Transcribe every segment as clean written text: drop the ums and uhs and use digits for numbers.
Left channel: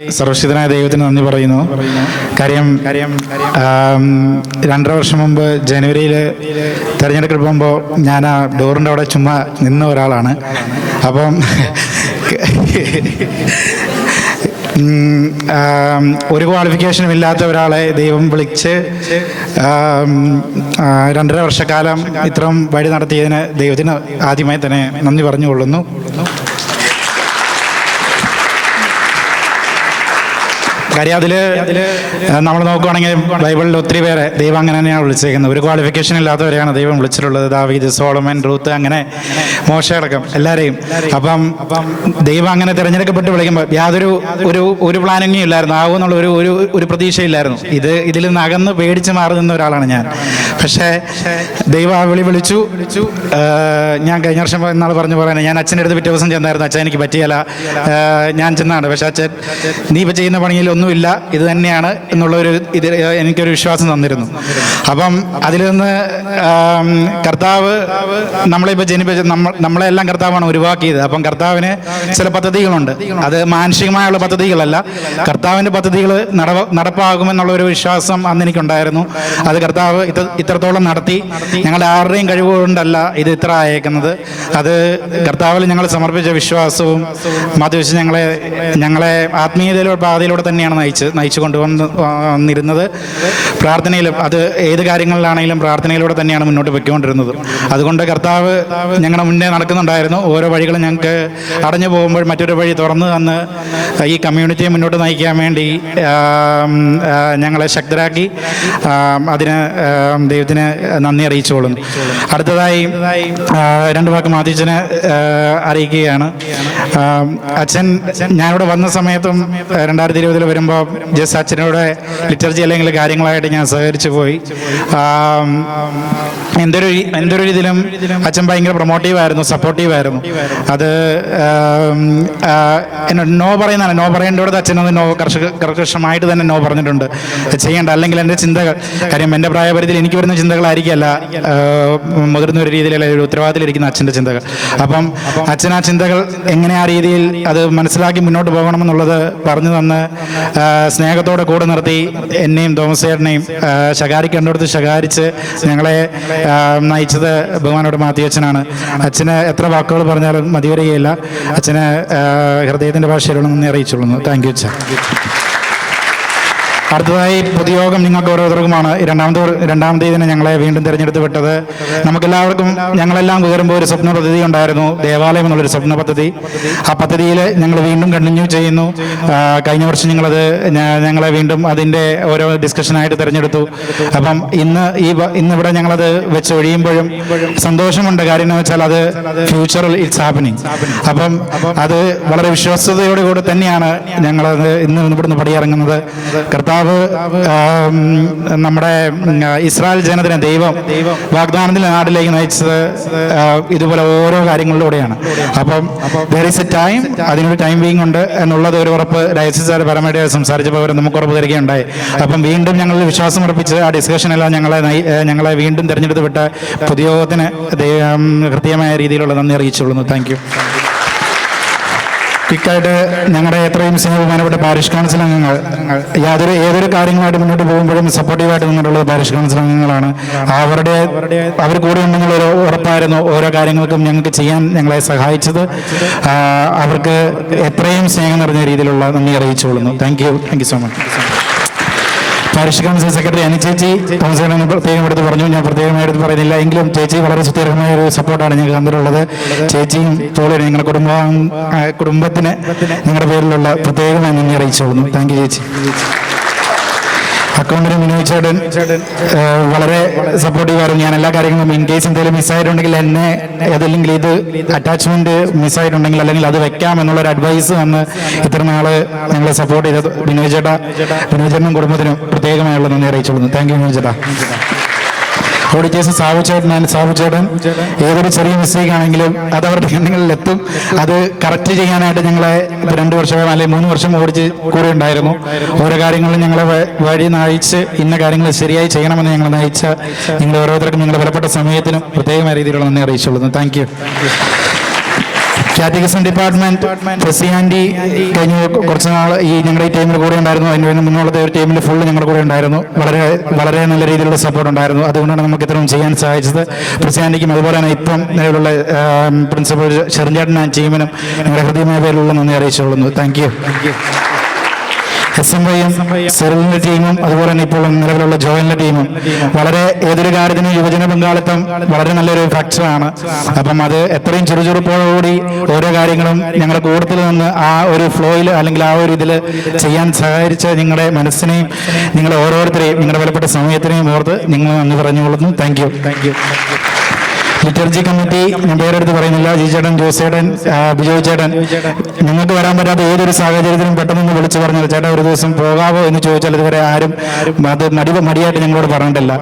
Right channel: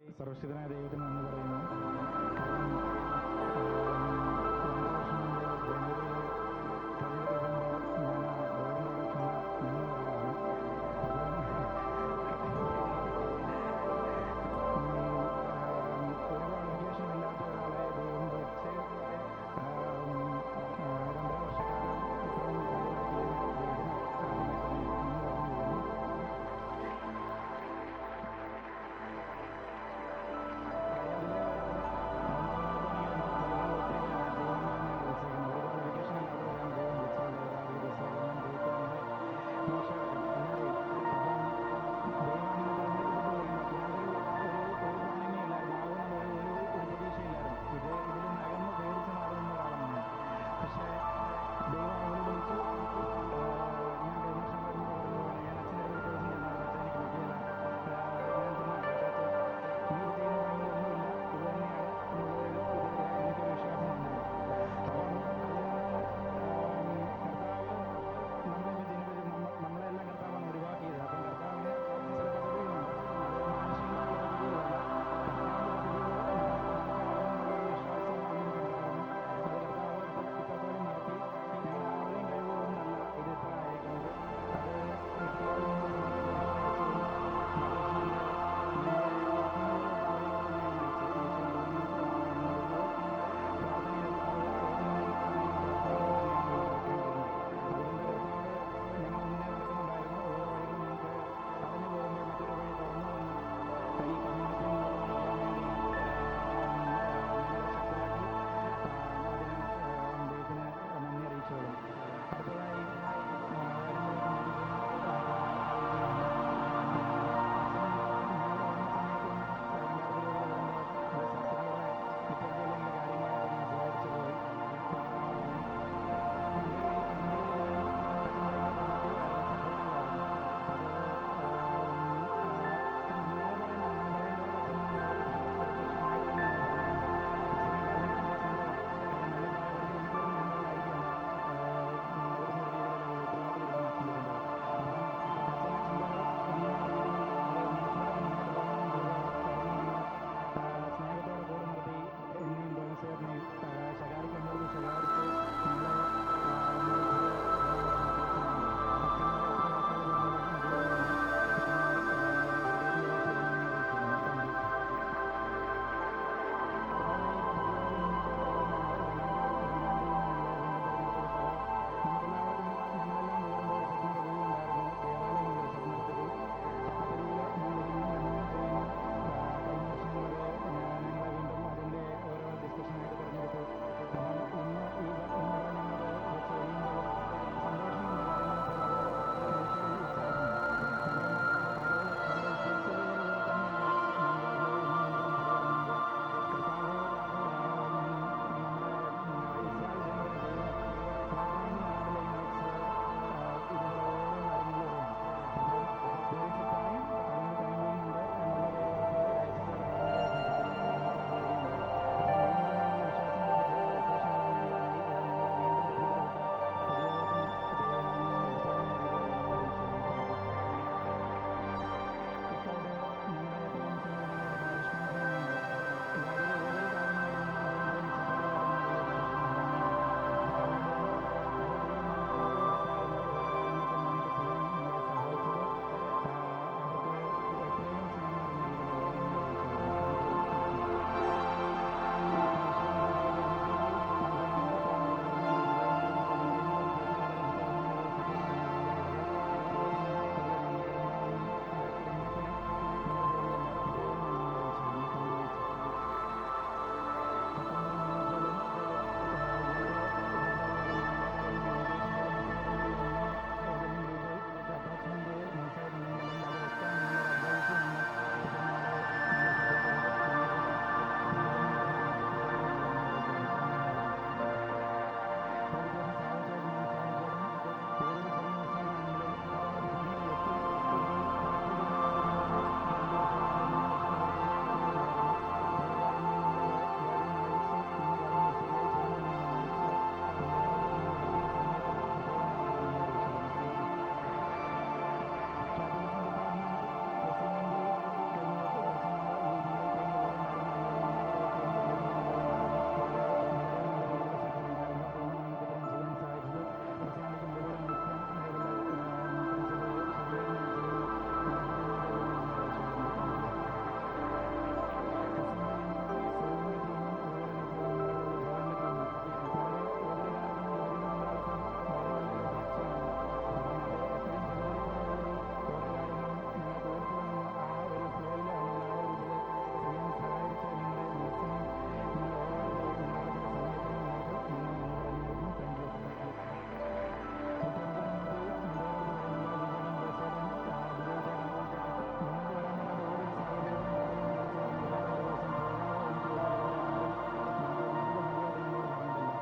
സർവശക്തനായ ദൈവത്തിന് നന്ദി പറയുന്നു. കാര്യം 2.5 വർഷം മുമ്പ് ജനുവരിയിൽ തിരഞ്ഞെടുക്കപ്പെടുമ്പോൾ ഞാൻ ആ ഡോറിൻ്റെ അവിടെ ചുമ്മാ നിന്ന ഒരാളാണ്. അപ്പം ഒരു ക്വാളിഫിക്കേഷനും ഇല്ലാത്ത ഒരാളെ ദൈവം വിളിച്ച് 2.5 വർഷക്കാലം ഇത്രയും വഴി നടത്തിയതിന് ദൈവത്തിന് ആദ്യമായി തന്നെ നന്ദി പറഞ്ഞുകൊള്ളുന്നു. കാര്യം അതിൽ നമ്മൾ നോക്കുകയാണെങ്കിൽ ബൈബിളിൽ ഒത്തിരി പേരെ ദൈവം അങ്ങനെ തന്നെയാണ് വിളിച്ചേക്കുന്നത്. ഒരു ക്വാളിഫിക്കേഷൻ ഇല്ലാത്തവരെയാണ് ദൈവം വിളിച്ചിട്ടുള്ളത്. ദാവീദ്, സോളമൻ, റൂത്ത്, അങ്ങനെ മോശ അടക്കം എല്ലാവരെയും. അപ്പം ദൈവം അങ്ങനെ തിരഞ്ഞെടുക്കപ്പെട്ട് വിളിക്കുമ്പോൾ യാതൊരു ഒരു പ്ലാനിങ്ങും ഇല്ലായിരുന്നു, ആവുമെന്നുള്ള ഒരു പ്രതീക്ഷയില്ലായിരുന്നു. ഇതിൽ നിന്ന് അകന്ന് പേടിച്ച് മാറി നിന്ന ഒരാളാണ് ഞാൻ. പക്ഷേ ദൈവം ആ വിളിച്ചു. ഞാൻ കഴിഞ്ഞ വർഷം എന്നാൾ പറയുന്നത്, ഞാൻ അച്ഛൻ്റെ അടുത്ത് പിറ്റേ ദിവസം ചെന്നായിരുന്നു. അച്ഛൻ എനിക്ക് പറ്റിയല്ല, ഞാൻ ചെന്നാണ്. പക്ഷേ അച്ഛൻ നീ ഇപ്പോൾ ചെയ്യുന്ന പണിയിൽ ഒന്നുമില്ല, ഇത് തന്നെയാണ് എന്നുള്ളൊരു എനിക്കൊരു വിശ്വാസം തന്നിരുന്നു. അപ്പം അതിൽ നിന്ന് കർത്താവ് നമ്മളിപ്പോൾ ജനിപ്പിച്ച നമ്മളെല്ലാം കർത്താവാണ് ഉരുവാക്കിയത്. അപ്പം കർത്താവിന് ചില പദ്ധതികളുണ്ട്. അത് മാനുഷികമായുള്ള പദ്ധതികളല്ല, കർത്താവിൻ്റെ പദ്ധതികൾ നടപ്പാകുമെന്നുള്ളൊരു വിശ്വാസം അന്ന് എനിക്കുണ്ടായിരുന്നു. അത് കർത്താവ് ഇത്രത്തോളം നടത്തി. ഞങ്ങളുടെ ആരുടെയും കഴിവുകൊണ്ടല്ല ഇത് ഇത്ര അയക്കുന്നത്. അത് കർത്താവിൽ ഞങ്ങൾ സമർപ്പിച്ച വിശ്വാസവും മതിവെച്ച് ഞങ്ങളെ ആത്മീയതയിലൂടെ പാതയിലൂടെ തന്നെയാണ് നയിച്ചു കൊണ്ടുവന്നിരുന്നത്. പ്രാർത്ഥനയിലും അത് ഏത് കാര്യങ്ങളിലാണെങ്കിലും പ്രാർത്ഥനയിലൂടെ തന്നെയാണ് മുന്നോട്ട് പൊയ്ക്കൊണ്ടിരുന്നത്. അതുകൊണ്ട് കർത്താവ് ഞങ്ങളുടെ മുന്നേ നടക്കുന്നുണ്ടായിരുന്നു. ഓരോ വഴികളും ഞങ്ങൾക്ക് അടഞ്ഞു പോകുമ്പോൾ മറ്റൊരു വഴി തുറന്ന് തന്ന് ഈ കമ്മ്യൂണിറ്റിയെ മുന്നോട്ട് നയിക്കാൻ വേണ്ടി ഞങ്ങളെ ശക്തരാക്കി. അതിന് ദൈവത്തിന് നന്ദി അറിയിച്ചുകൊള്ളുന്നു. അടുത്തതായി 2 വാക്ക് മാത്യച്ചനെ അറിയിക്കുകയാണ്. അച്ഛൻ ഞാനിവിടെ വന്ന സമയത്തും 2020 വരുമ്പോൾ ജസ്റ്റ് അച്ഛനോട് ലിറ്റർജി അല്ലെങ്കിൽ കാര്യങ്ങളായിട്ട് ഞാൻ സഹകരിച്ചു പോയി. എന്തൊരു രീതിയിലും അച്ഛൻ ഭയങ്കര പ്രൊമോട്ടീവായിരുന്നു, സപ്പോർട്ടീവായിരുന്നു. അത് നോ പറയുന്നതാണ്. നോ പറയേണ്ടത് അച്ഛനത് കർക്കശമായിട്ട് തന്നെ നോ പറഞ്ഞിട്ടുണ്ട്. ചെയ്യേണ്ട, അല്ലെങ്കിൽ എൻ്റെ ചിന്തകൾ, കാര്യം എൻ്റെ പ്രായപരിധിയിൽ എനിക്ക് വരുന്ന ചിന്തകളായിരിക്കല്ല മുതിർന്ന ഒരു രീതിയിലുള്ള ഒരു ഉത്തരവാദിത്തത്തിലിരിക്കുന്ന അച്ഛൻ്റെ ചിന്തകൾ. അപ്പം അച്ഛൻ ആ ചിന്തകൾ എങ്ങനെ ആ രീതിയിൽ അത് മനസ്സിലാക്കി മുന്നോട്ട് പോകണമെന്നുള്ളത് പറഞ്ഞു തന്ന് സ്നേഹത്തോടെ കൂടെ നിർത്തി എന്നെയും തോമസ് ചേട്ടനെയും ശകാരിക്കേണ്ടടുത്ത് ശകാരിച്ച് ഞങ്ങളെ നയിച്ചത് ബഹുമാനോട് മാത്യച്ചനാണ്. അച്ഛന് എത്ര വാക്കുകൾ പറഞ്ഞാലും മതി വരികയില്ല. അച്ഛന് ഹൃദയത്തിൻ്റെ ഭാഷയിലുള്ള നന്ദി അറിയിച്ചുകൊള്ളുന്നു. താങ്ക് യു അച്ഛൻ. അടുത്തതായി പൊതുയോഗം നിങ്ങൾക്ക് ഓരോരുത്തർക്കുമാണ്. രണ്ടാമത്തെ ഇതിനെ ഞങ്ങളെ വീണ്ടും തിരഞ്ഞെടുത്ത് വിട്ടത്. നമുക്കെല്ലാവർക്കും ഞങ്ങളെല്ലാം കയറുമ്പോൾ ഒരു സ്വപ്ന പദ്ധതി ഉണ്ടായിരുന്നു, ദേവാലയം എന്നുള്ളൊരു സ്വപ്ന പദ്ധതി. ആ പദ്ധതിയിൽ ഞങ്ങൾ വീണ്ടും കണ്ടിന്യൂ ചെയ്യുന്നു. കഴിഞ്ഞ വർഷം ഞങ്ങളെ വീണ്ടും അതിൻ്റെ ഓരോ ഡിസ്കഷനായിട്ട് തിരഞ്ഞെടുത്തു. അപ്പം ഇന്നിവിടെ ഞങ്ങളത് വെച്ച് ഒഴിയുമ്പോഴും സന്തോഷമുണ്ട്. കാര്യം എന്ന് വെച്ചാൽ അത് ഫ്യൂച്ചറിൽ ഇറ്റ്സ് ഹാപ്പനിങ്. അപ്പം അത് വളരെ വിശ്വാസ്യതയോടുകൂടി തന്നെയാണ് ഞങ്ങളത് ഇവിടുന്ന് പടിയിറങ്ങുന്നത്. കർത്താവ് നമ്മുടെ ഇസ്രായേൽ ജനതനെ ദൈവം വാഗ്ദാനത്തിൻ്റെ നാട്ടിലേക്ക് നയിച്ചത് ഇതുപോലെ ഓരോ കാര്യങ്ങളിലൂടെയാണ്. അപ്പം there is a time, അതിനൊരു ടൈമിംഗ് ഉണ്ട് എന്നുള്ളത് ഒരു ഉറപ്പ് ഡയസിസ് പരമായിട്ട് സംസാരിച്ചപ്പോൾ അവർ നമുക്ക് ഉറപ്പ് തരികയുണ്ടായി. അപ്പം വീണ്ടും ഞങ്ങൾ വിശ്വാസം ഉറപ്പിച്ച് ആ ഡിസ്കഷനെല്ലാം ഞങ്ങളെ വീണ്ടും തിരഞ്ഞെടുത്ത് വിട്ട പൊതുയോഗത്തിന് കൃത്യമായ രീതിയിലുള്ള നന്ദി അറിയിച്ചുകൊള്ളുന്നു. Thank U. ക്വിക്കായിട്ട് ഞങ്ങളുടെ എത്രയും സ്നേഹബഹുമാനപ്പെട്ട പാരിഷ് കൗൺസിൽ അംഗങ്ങൾ ഏതൊരു കാര്യങ്ങളായിട്ട് മുന്നോട്ട് പോകുമ്പോഴും സപ്പോർട്ടീവായിട്ട് നിന്നിട്ടുള്ളത് പാരിഷ് കൗൺസിൽ അംഗങ്ങളാണ്. അവർ കൂടെ ഉണ്ടെന്നുള്ളൊരു ഉറപ്പായിരുന്നു ഓരോ കാര്യങ്ങൾക്കും ഞങ്ങൾക്ക് ചെയ്യാൻ ഞങ്ങളെ സഹായിച്ചത്. അവർക്ക് എത്രയും സ്നേഹം നിറഞ്ഞ രീതിയിലുള്ള നന്ദി അറിയിച്ചുകൊള്ളുന്നു. Thank you so much. Parish council secretary Ani ചേച്ചി കൗൺസിലർ പ്രത്യേകം എടുത്ത് പറഞ്ഞു, ഞാൻ പ്രത്യേകമായിട്ട് പറയുന്നില്ല എങ്കിലും ചേച്ചി വളരെ സുസ്ഥിരമായ ഒരു സപ്പോർട്ടാണ് ഞങ്ങൾക്ക് തന്നിട്ടുള്ളത്. ചേച്ചിയും തോളിന് നിങ്ങളുടെ കുടുംബത്തിന് നിങ്ങളുടെ പേരിലുള്ള പ്രത്യേകമായി നന്ദി അറിയിച്ചോളുന്നു. താങ്ക് യു ചേച്ചി. അക്കൗണ്ടിന് വിനോദ് ചേട്ടൻ വളരെ സപ്പോർട്ടീവായിരുന്നു. ഞാൻ എല്ലാ കാര്യങ്ങളും ഇൻ കേസ് എന്തെങ്കിലും മിസ്സായിട്ടുണ്ടെങ്കിൽ ഏതെങ്കിലും ഇത് അറ്റാച്ച്മെന്റ് മിസ്സായിട്ടുണ്ടെങ്കിൽ അല്ലെങ്കിൽ അത് വെക്കാം എന്നുള്ളൊരു അഡ്വൈസ് തന്ന് ഇത്ര നാള് ഞങ്ങളെ സപ്പോർട്ട് ചെയ്തത് വിനോദ് ചേട്ടനും കുടുംബത്തിനും പ്രത്യേകമായുള്ള നന്ദി അറിയിച്ചോളുന്നു. താങ്ക് യു വിനോദ് ചേട്ടാ. ഓഡിറ്റേഴ്സ് സാബു ചേട്ടൻ ഏതൊരു ചെറിയ മിസ്റ്റേക്ക് ആണെങ്കിലും അത് അവരുടെ കണ്ണുകളിൽ എത്തും. അത് കറക്റ്റ് ചെയ്യാനായിട്ട് ഞങ്ങളെ 2 വർഷം അല്ലെങ്കിൽ 3 വർഷം ഓടിച്ച് കൂടെ ഉണ്ടായിരുന്നു. ഓരോ കാര്യങ്ങളും ഞങ്ങളെ വഴി നയിച്ച് ഇന്ന കാര്യങ്ങൾ ശരിയായി ചെയ്യണമെന്ന് ഞങ്ങൾ നയിച്ച നിങ്ങൾ ഓരോരുത്തർക്കും നിങ്ങളുടെ വിലപ്പെട്ട സമയത്തിനും പ്രത്യേകമായ രീതിയിലുള്ള നന്ദി അറിയിച്ചുകൊള്ളുന്നു. Thank you. Catechism department president കഴിഞ്ഞ കുറച്ച് നാൾ ഈ ഞങ്ങളുടെ ഈ ടീമിൽ കൂടെ ഉണ്ടായിരുന്നു. അതിന് മുന്നുള്ളത്തെ ഒരു ടീമിൽ ഫുള്ള് ഞങ്ങളുടെ കൂടെ ഉണ്ടായിരുന്നു. വളരെ വളരെ നല്ല രീതിയിലുള്ള സപ്പോർട്ട് ഉണ്ടായിരുന്നു. അതുകൊണ്ടാണ് നമുക്ക് ഇത്രയും ചെയ്യാൻ സാധിച്ചത്. പ്രസിഡന്റിക്കും അതുപോലെ തന്നെ ഇപ്പം നിലവിലുള്ള പ്രിൻസിപ്പൽ ഷെറിൻചേട്ടൻ ടീമിനും ഞങ്ങളുടെ ഹൃദയമായ പേരിലുള്ള നന്ദി അറിയിച്ചുകൊള്ളുന്നു. Thank U. SMYയും സെറിലിന്റെ ടീമും അതുപോലെ തന്നെ ഇപ്പോൾ നിലവിലുള്ള ജോയിന്റെ ടീമും വളരെ ഏതൊരു കാര്യത്തിനും യുവജന പങ്കാളിത്തം വളരെ നല്ലൊരു ഫാക്ടറാണ്. അപ്പം അത് എത്രയും ചുറുചുറുപ്പോടുകൂടി ഓരോ കാര്യങ്ങളും ഞങ്ങളുടെ കൂട്ടത്തിൽ നിന്ന് ആ ഒരു ഫ്ലോയിൽ അല്ലെങ്കിൽ ആ ഒരു ഇതിൽ ചെയ്യാൻ സഹകരിച്ച നിങ്ങളുടെ മനസ്സിനെയും നിങ്ങളുടെ ഓരോരുത്തരെയും നിങ്ങളുടെ വിലപ്പെട്ട സമയത്തിനെയും ഓർത്ത് നിങ്ങൾ നന്ദി പറഞ്ഞുകൊള്ളുന്നു. Thank you. ലിറ്റർജി കമ്മിറ്റി ഞാൻ പേരെടുത്ത് പറയുന്നില്ല. ജിചേട്ടൻ, ജോസേട്ടൻ, ബിജോയ് ചേട്ടൻ, നിങ്ങൾക്ക് വരാൻ പറ്റാത്ത ഏതൊരു സാഹചര്യത്തിലും പെട്ടെന്ന് വിളിച്ചു പറഞ്ഞത് ചേട്ടാ ഒരു ദിവസം പോകാവോ എന്ന് ചോദിച്ചാൽ ഇതുവരെ ആരും അത് മടിയായിട്ട് ഞങ്ങളോട് പറഞ്ഞിട്ടില്ല.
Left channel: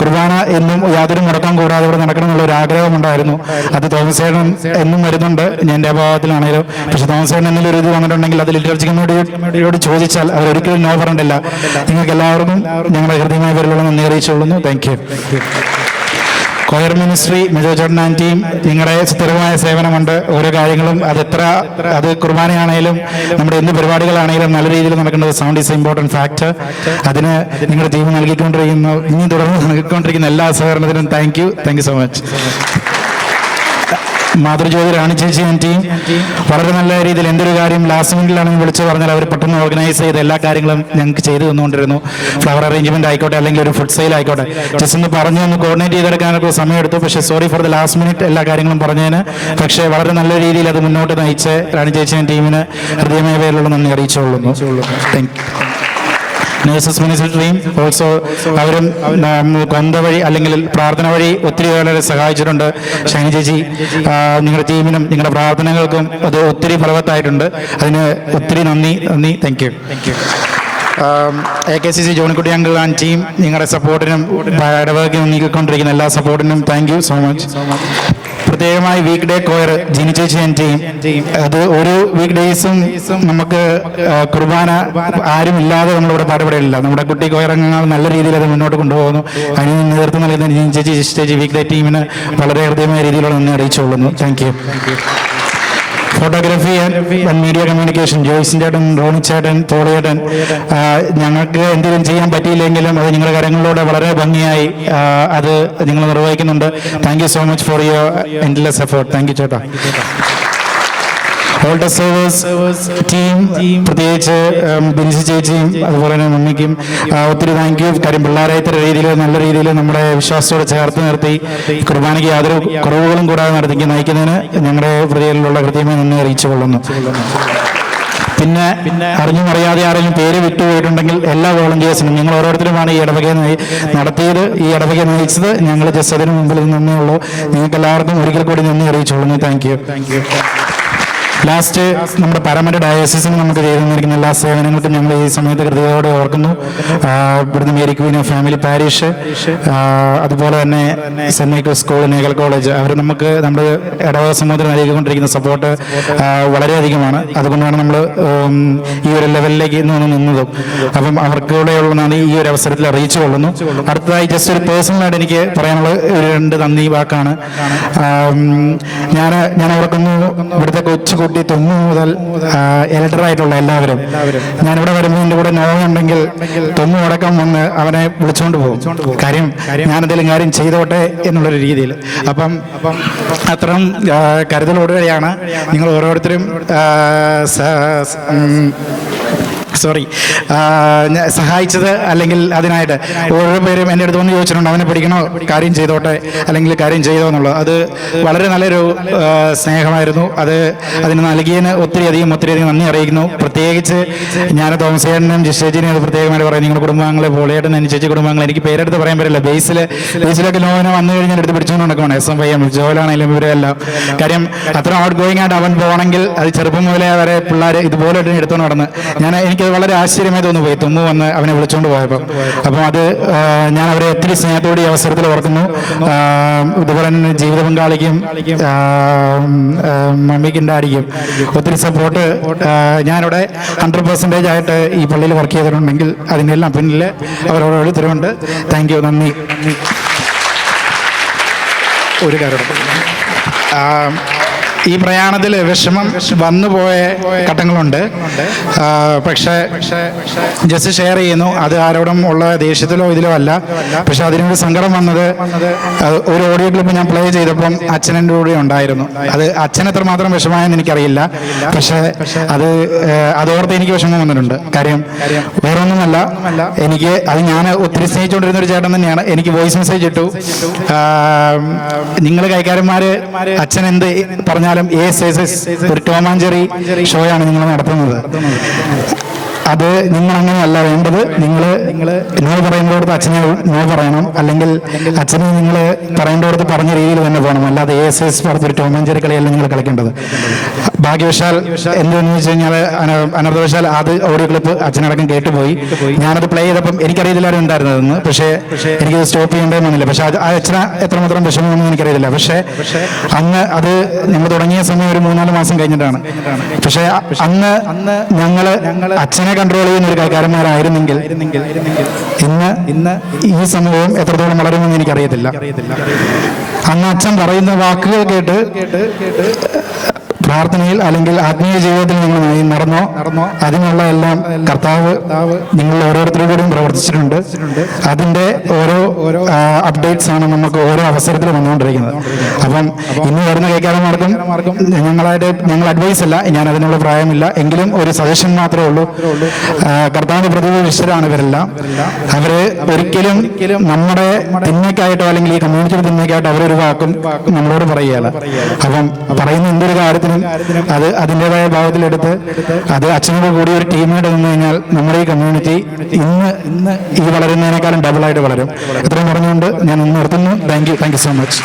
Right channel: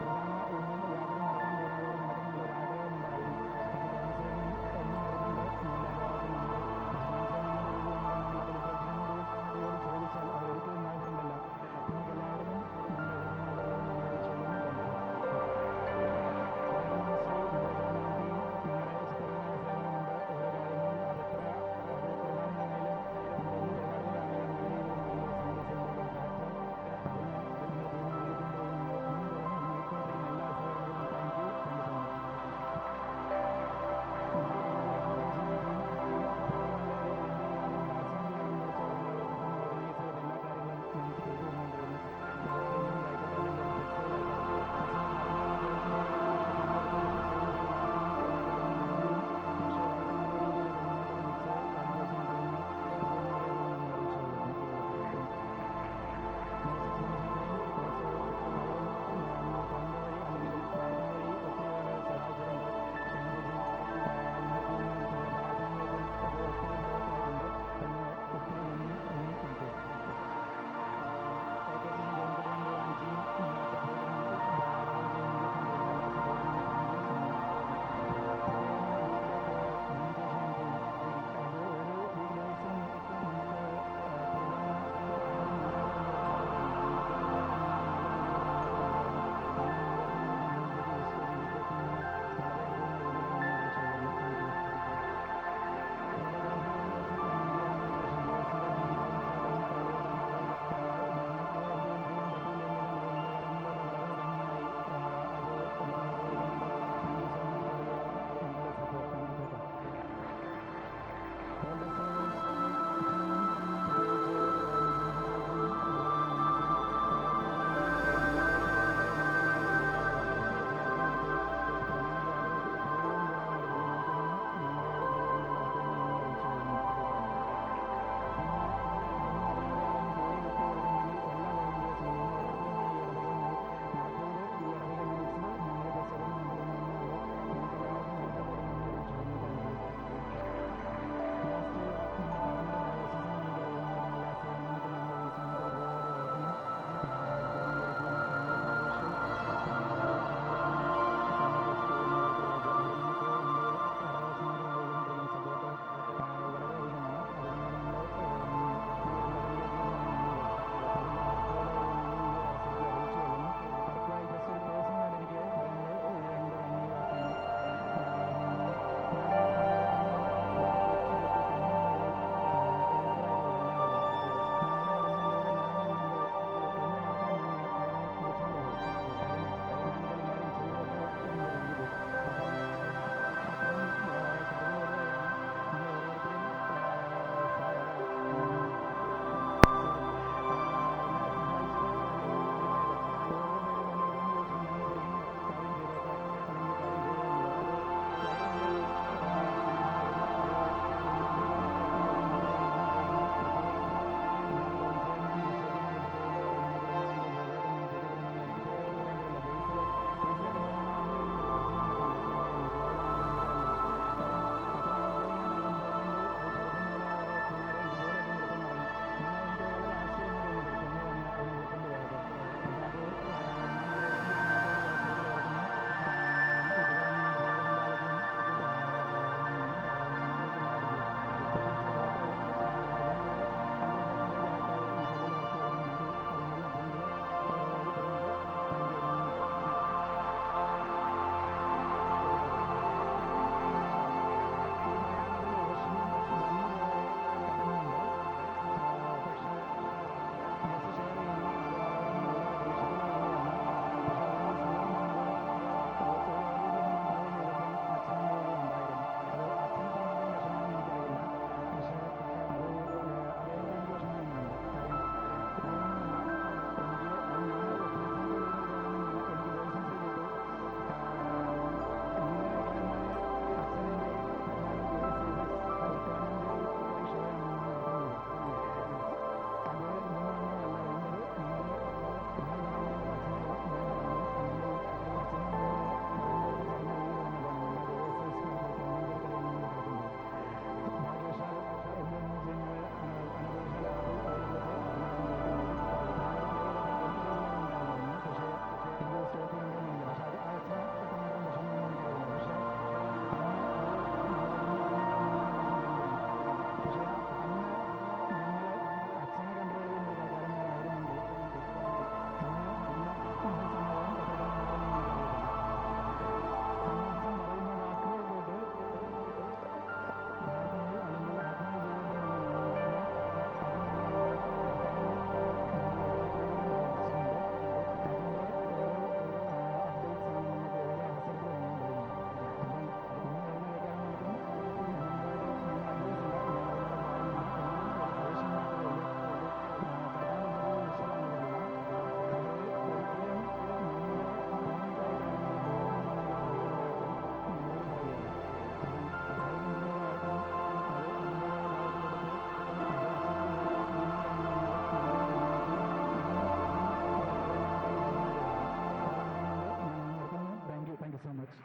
കുർബാന എന്നും യാതൊരു മുടക്കം കൂടാതെ ഇവിടെ നടക്കണമെന്നുള്ള ഒരു ആഗ്രഹമുണ്ടായിരുന്നു. അത് തോമസേട്ടൻ എന്നും വരുന്നുണ്ട്, ഞാൻ എൻ്റെ അഭാവത്തിലാണെങ്കിലും. പക്ഷെ തോമസേട്ടൻ എന്തെങ്കിലും ഒരു ഇത് വന്നിട്ടുണ്ടെങ്കിൽ അത് ലിറ്റർജി കമ്മിറ്റിയോട് ചോദിച്ചാൽ അവർ ഒരിക്കലും നോ പറഞ്ഞിട്ടില്ല. നിങ്ങൾക്ക് എല്ലാവർക്കും ഞങ്ങളുടെ ഹൃദയമായ പേരിലുള്ള നന്ദി അറിയിച്ചുകൊള്ളുന്നു. Thank you. Choir ministry Mejo ചേട്ടൻ ടീം നിങ്ങളുടെ സ്ഥിരമായ സേവനമുണ്ട്. ഓരോ കാര്യങ്ങളും അത് കുർബാനയാണെങ്കിലും നമ്മുടെ എന്ത് പരിപാടികളാണെങ്കിലും നല്ല രീതിയിൽ നടക്കേണ്ടത് സൗണ്ട് ഈസ് ഇമ്പോർട്ടൻറ്റ് ഫാക്ടർ. അതിന് നിങ്ങളുടെ ടീം ഇനി തുടർന്ന് നൽകിക്കൊണ്ടിരിക്കുന്ന എല്ലാ സഹകരണത്തിനും thank you so much. Mathrujyothi Rani ചേച്ചി ടീം വളരെ നല്ല രീതിയിൽ എന്തൊരു കാര്യം ലാസ്റ്റ് മിനിറ്റിലാണെങ്കിൽ വിളിച്ചു പറഞ്ഞാൽ അവർ പെട്ടെന്ന് ഓർഗനൈസ് ചെയ്ത് എല്ലാ കാര്യങ്ങളും ഞങ്ങൾക്ക് ചെയ്തു തന്നുകൊണ്ടിരുന്നു. ഫ്ലവർ അറേഞ്ച്മെന്റ് ആയിക്കോട്ടെ അല്ലെങ്കിൽ ഒരു ഫുഡ് സെയിൽ ആയിക്കോട്ടെ, ജസ്റ്റ് ഒന്ന് ഒന്ന് കോർഡിനേറ്റ് ചെയ്തെടുക്കാനൊക്കെ സമയമെടുത്തു. പക്ഷേ sorry for the last minute എല്ലാ കാര്യങ്ങളും പറഞ്ഞതിന്. പക്ഷേ വളരെ നല്ല രീതിയിൽ അത് മുന്നോട്ട് നയിച്ച് റാണി ചേച്ചി ടീമിന് ഹൃദയമായ പേരിലുള്ള നന്ദി അറിയിച്ചുകൊള്ളുന്നു. Thank you. നേഴ്സസ് മിനിസ്ട്രിയും ഓൾസോ അവരും കൊന്ത വഴി അല്ലെങ്കിൽ പ്രാർത്ഥന വഴി ഒത്തിരി വളരെ സഹായിച്ചിട്ടുണ്ട്. ഷൈനി ചേച്ചി നിങ്ങളുടെ ടീമിനും നിങ്ങളുടെ പ്രാർത്ഥനകൾക്കും അത് ഒത്തിരി ഫലവത്തായിട്ടുണ്ട്. അതിന് ഒത്തിരി നന്ദി. Thank you. AKCC Johnykutty uncle and team നിങ്ങളുടെ സപ്പോർട്ടിനും ഇടവകയ്ക്ക് നീക്കിക്കൊണ്ടിരിക്കുന്ന എല്ലാ സപ്പോർട്ടിനും താങ്ക് യു സോ മച്ച്. പ്രത്യേകമായി വീക്ക് ഡേ കോയർ ജിനി ചേച്ചി ആൻഡ് ടീം, അത് ഒരു വീക്ക് ഡേയ്സും നമുക്ക് കുർബാന ആരും ഇല്ലാതെ നമ്മളിവിടെ പാടുപെടില്ല. നമ്മുടെ കുട്ടി കോയർ അംഗങ്ങൾ നല്ല രീതിയിൽ അത് മുന്നോട്ട് കൊണ്ടുപോകുന്നു. അതിന് നേതൃത്വം നൽകുന്ന ജിനി ചേച്ചി വീക്ക് ഡേ ടീമിന് വളരെ ഹൃദയമായ രീതിയിലുള്ള നന്ദി അറിയിച്ചുകൊള്ളുന്നു. Thank you. Photography and media communication Joycin ചേട്ടൻ, റോണി ചേട്ടൻ, തോളിയേട്ടൻ, ഞങ്ങൾക്ക് എന്തെങ്കിലും ചെയ്യാൻ പറ്റിയില്ലെങ്കിലും അത് നിങ്ങളുടെ കാര്യങ്ങളിലൂടെ വളരെ ഭംഗിയായി അത് നിങ്ങൾ നിർവഹിക്കുന്നുണ്ട്. Thank you so much for your endless effort. Thank you ചേട്ടാ. ഓൾട്ടർ സർവേഴ്സ് ടീം പ്രത്യേകിച്ച് ബിൻസി ചേച്ചിയും അതുപോലെ തന്നെ മമ്മിക്കും ഒത്തിരി താങ്ക് യു. കാര്യം പിള്ളേരെ ഇത്ര രീതിയിൽ നല്ല രീതിയിൽ നമ്മുടെ വിശ്വാസത്തോടെ ചേർത്ത് നിർത്തി കുർബാനയ്ക്ക് യാതൊരു കുറവുകളും കൂടാതെ നടത്തി നയിക്കുന്നതിന് ഞങ്ങളുടെ ഹൃദയത്തിലുള്ള ഹൃദയമായി നന്ദി അറിയിച്ചു കൊള്ളുന്നു. പിന്നെ അറിഞ്ഞും അറിയാതെ ആരെങ്കിലും പേര് വിട്ടുപോയിട്ടുണ്ടെങ്കിൽ എല്ലാ വോളണ്ടിയേഴ്സിനും ഞങ്ങൾ ഓരോരുത്തരുമാണ് ഈ ഇടവകയെ നടത്തിയത്. ഈ ഇടവകയെ നയിച്ചത് ഞങ്ങൾ ജസ്റ്റ് അതിന് മുമ്പിൽ നിന്നേ ഉള്ളൂ. നിങ്ങൾക്ക് എല്ലാവർക്കും ഒരിക്കൽ കൂടി നന്ദി അറിയിച്ചുകൊള്ളുന്നു. Thank U. ലാസ്റ്റ് നമ്മുടെ പാരാമറ്റ ഡയോസിസിന് നമുക്ക് ചെയ്തു തന്നിരിക്കുന്ന എല്ലാ സേവനങ്ങൾക്കും ഞങ്ങൾ ഈ സമയത്ത് കൃത്യതയോടെ ഓർക്കുന്നു. ഇവിടുന്ന് Mary Queen of family parish, അതുപോലെ തന്നെ സെന്റ് മൈക്കിൾസ് സ്കൂൾ, നേഗൽ കോളേജ്, അവർ നമുക്ക് നമ്മുടെ ഇടവക സമൂഹത്തിന് നൽകിക്കൊണ്ടിരിക്കുന്ന സപ്പോർട്ട് വളരെയധികമാണ്. അതുകൊണ്ടാണ് നമ്മൾ ഈ ഒരു ലെവലിലേക്ക് നിന്നതും. അപ്പം അവർക്കൂടെയുള്ള നന്ദി ഈ ഒരു അവസരത്തിൽ അറിയിച്ചു കൊള്ളുന്നു. അടുത്തതായി ജസ്റ്റ് ഒരു പേഴ്സണലായിട്ട് എനിക്ക് പറയാനുള്ള ഒരു 2 നന്ദി വാക്കാണ്. ഞാൻ ഓർക്കുന്നു ഇവിടുത്തെ കൊച്ചു തൊണ്ണു മുതൽ എൽഡറായിട്ടുള്ള എല്ലാവരും ഞാനിവിടെ വരുമ്പോൾ എൻ്റെ കൂടെ നോവുന്നുണ്ടെങ്കിൽ തൊണ്ണു അടക്കം വന്ന് അവനെ വിളിച്ചുകൊണ്ട് പോകും. കാര്യം ഞാനെന്തെങ്കിലും കാര്യം ചെയ്തോട്ടെ എന്നുള്ളൊരു രീതിയിൽ. അപ്പം അത്രയും കരുതലോടുകൂടിയാണ് നിങ്ങൾ ഓരോരുത്തരും സഹായിച്ചത്. അല്ലെങ്കിൽ അതിനായിട്ട് ഓരോ പേരും എൻ്റെ അടുത്ത് വന്ന് ചോദിച്ചിട്ടുണ്ട് അവനെ പഠിക്കണോ, കാര്യം ചെയ്തോട്ടെ അല്ലെങ്കിൽ കാര്യം ചെയ്തോ എന്നുള്ളത്. അത് വളരെ നല്ലൊരു സ്നേഹമായിരുന്നു. അതിന് നൽകിയതിന് ഒത്തിരി അധികം നന്ദി അറിയിക്കുന്നു. പ്രത്യേകിച്ച് ഞാൻ തോമസേട്ടനും ജിഷേജിനെയും അത് പ്രത്യേകമായിട്ട് പറയും. നിങ്ങളുടെ കുടുംബാംഗങ്ങളെ പോളിയേട്ടൻ, അനുചേച്ചി കുടുംബാംഗങ്ങൾ, എനിക്ക് പേരെടുത്ത് പറയാൻ പറ്റില്ല. ബേസിലൊക്കെ ലോനെ വന്നു കഴിഞ്ഞാൽ എടുത്ത് പിടിച്ചുകൊണ്ട് നടക്കണം. SMYM ജോലാണെങ്കിലും ഇവരെല്ലാം. കാര്യം അത്ര ഔട്ട് ഗോയിങ് ആയിട്ട് അവൻ പോകണമെങ്കിൽ അത് ചെറുപ്പം മുതലേ വരെ പിള്ളേർ ഇതുപോലെ എടുത്തോണ്ട് നടന്ന് എനിക്കത് വളരെ ആശ്ചര്യമായി തോന്നുപോയി തുമ്മു വന്ന് അവനെ വിളിച്ചുകൊണ്ട് പോയപ്പോൾ. അപ്പം അത് ഞാൻ അവരെ ഒത്തിരി സ്നേഹത്തോടെ ഈ അവസരത്തിൽ ഓർക്കുന്നു. ഇതുപോലെ തന്നെ ജീവിത പങ്കാളിക്കും മമ്മിക്കും ഡാഡിക്കും ഒത്തിരി സപ്പോർട്ട്. ഞാനിവിടെ 100% ആയിട്ട് ഈ പള്ളിയിൽ വർക്ക് ചെയ്തിട്ടുണ്ടെങ്കിൽ അതിൻ്റെ എല്ലാം പിന്നിൽ അവരോരോരുത്തരുമുണ്ട്. Thank you. നന്ദി. ഒരു കാര്യം ഈ പ്രയാണത്തിൽ വിഷമം വന്നു പോയ ഘട്ടങ്ങളുണ്ട്. പക്ഷേ ജസ്റ്റ് ഷെയർ ചെയ്യുന്നു. അത് ആരോടും ഉള്ള ദേഷ്യത്തിലോ ഇതിലോ അല്ല. പക്ഷെ അതിനൊരു സങ്കടം വന്നത് ഒരു ഓഡിയോ ക്ലിപ്പ് ഞാൻ പ്ലേ ചെയ്തപ്പം അച്ഛനെൻ്റെ കൂടെ ഉണ്ടായിരുന്നു. അത് അച്ഛൻ എത്രമാത്രം വിഷമമായെന്ന് എനിക്കറിയില്ല. പക്ഷേ അതോർത്ത് എനിക്ക് വിഷമം വന്നിട്ടുണ്ട്. കാര്യം വേറൊന്നുമല്ല, എനിക്ക് അത് ഞാൻ ഒത്തിരി സ്നേഹിച്ചുകൊണ്ടിരുന്ന ഒരു ചേട്ടൻ തന്നെയാണ്. എനിക്ക് വോയിസ് മെസ്സേജ് ഇട്ടു, നിങ്ങൾ കൈക്കാരന്മാർ അച്ഛൻ എന്ത് പറഞ്ഞാലും ഒരു ടോം ആൻഡ് ജെറി ഷോയാണ് നിങ്ങൾ നടത്തുന്നത്. അത് നിങ്ങൾ അങ്ങനെയല്ല വേണ്ടത്. നിങ്ങൾ നോ പറയേണ്ടടുത്ത് അച്ഛനെ നോ പറയണം, അല്ലെങ്കിൽ അച്ഛനെ നിങ്ങൾ പറയേണ്ടടുത്ത് പറഞ്ഞ രീതിയിൽ തന്നെ പോകണം. അല്ലാതെ ASS പറഞ്ഞൊരു ടോം ആൻഡ് ജെറി കളിയല്ല നിങ്ങൾ കളിക്കേണ്ടത്. ഭാഗ്യവശാൽ എന്തെന്ന് വെച്ച് കഴിഞ്ഞാൽ അനർത്ഥവശാൽ അത് ഓഡിയോ ക്ലിപ്പ് അച്ഛനടക്കം കേട്ടുപോയി. ഞാനത് പ്ലേ ചെയ്തപ്പം എനിക്കറിയത്തില്ലാരും ഉണ്ടായിരുന്നതെന്ന്. പക്ഷേ എനിക്കത് സ്റ്റോപ്പ് ചെയ്യേണ്ടതെന്ന് വന്നില്ല. പക്ഷേ അത് അച്ഛന് എത്രമാത്രം വിഷമമൊന്നും എനിക്കറിയത്തില്ല. പക്ഷേ അന്ന് അത് ഞങ്ങൾ തുടങ്ങിയ സമയം ഒരു 3-4 മാസം കഴിഞ്ഞിട്ടാണ്. പക്ഷേ അന്ന് ഞങ്ങൾ അച്ഛനെ കൺട്രോൾ ചെയ്യുന്ന ഒരു കൈക്കാരന്മാരായിരുന്നെങ്കിൽ ഇന്ന് ഈ സമൂഹം എത്രത്തോളം വളരുമെന്ന് എനിക്കറിയത്തില്ല. അന്ന് അച്ഛൻ പറയുന്ന വാക്കുകൾ കേട്ട് പ്രാർത്ഥനയിൽ അല്ലെങ്കിൽ ആത്മീയ ജീവിതത്തിൽ നിങ്ങൾ നടന്നോ അതിനുള്ള എല്ലാം കർത്താവ് നിങ്ങൾ ഓരോരുത്തരോടും പ്രവർത്തിച്ചിട്ടുണ്ട്. അതിൻ്റെ ഓരോ അപ്ഡേറ്റ്സ് ആണ് നമുക്ക് ഓരോ അവസരത്തിൽ വന്നുകൊണ്ടിരിക്കുന്നത്. അപ്പം ഇന്ന് വരുന്ന കൈക്കാരന്മാർക്കും ഞങ്ങൾ അഡ്വൈസ് അല്ല, ഞാൻ അതിനുള്ള പ്രായമില്ല, എങ്കിലും ഒരു സജഷൻ മാത്രമേ ഉള്ളൂ. കർത്താവിന്റെ പ്രതിനിധിഷ്ഠരാണ് ഇവരെല്ലാം. അവര് ഒരിക്കലും നമ്മുടെ തിന്മയ്ക്കായിട്ടോ അല്ലെങ്കിൽ ഈ കമ്മ്യൂണിറ്റിയുടെ തിന്മയ്ക്കായിട്ടോ അവരൊരു വാക്കും നമ്മളോട് പറയുകയല്ല. അപ്പം പറയുന്ന എന്തൊരു കാര്യത്തിനും അത് അതിൻ്റെതായ ഭാവത്തിലെടുത്ത് അത് അച്ഛനോട് കൂടി ഒരു ടീമായിട്ട് നിന്ന് കഴിഞ്ഞാൽ നമ്മുടെ ഈ കമ്മ്യൂണിറ്റി ഇന്ന് ഇത് വളരുന്നതിനേക്കാളും ഡബിളായിട്ട് വളരും. ഇത്രയും പറഞ്ഞുകൊണ്ട് ഞാൻ നിർത്തുന്നു. Thank you so much.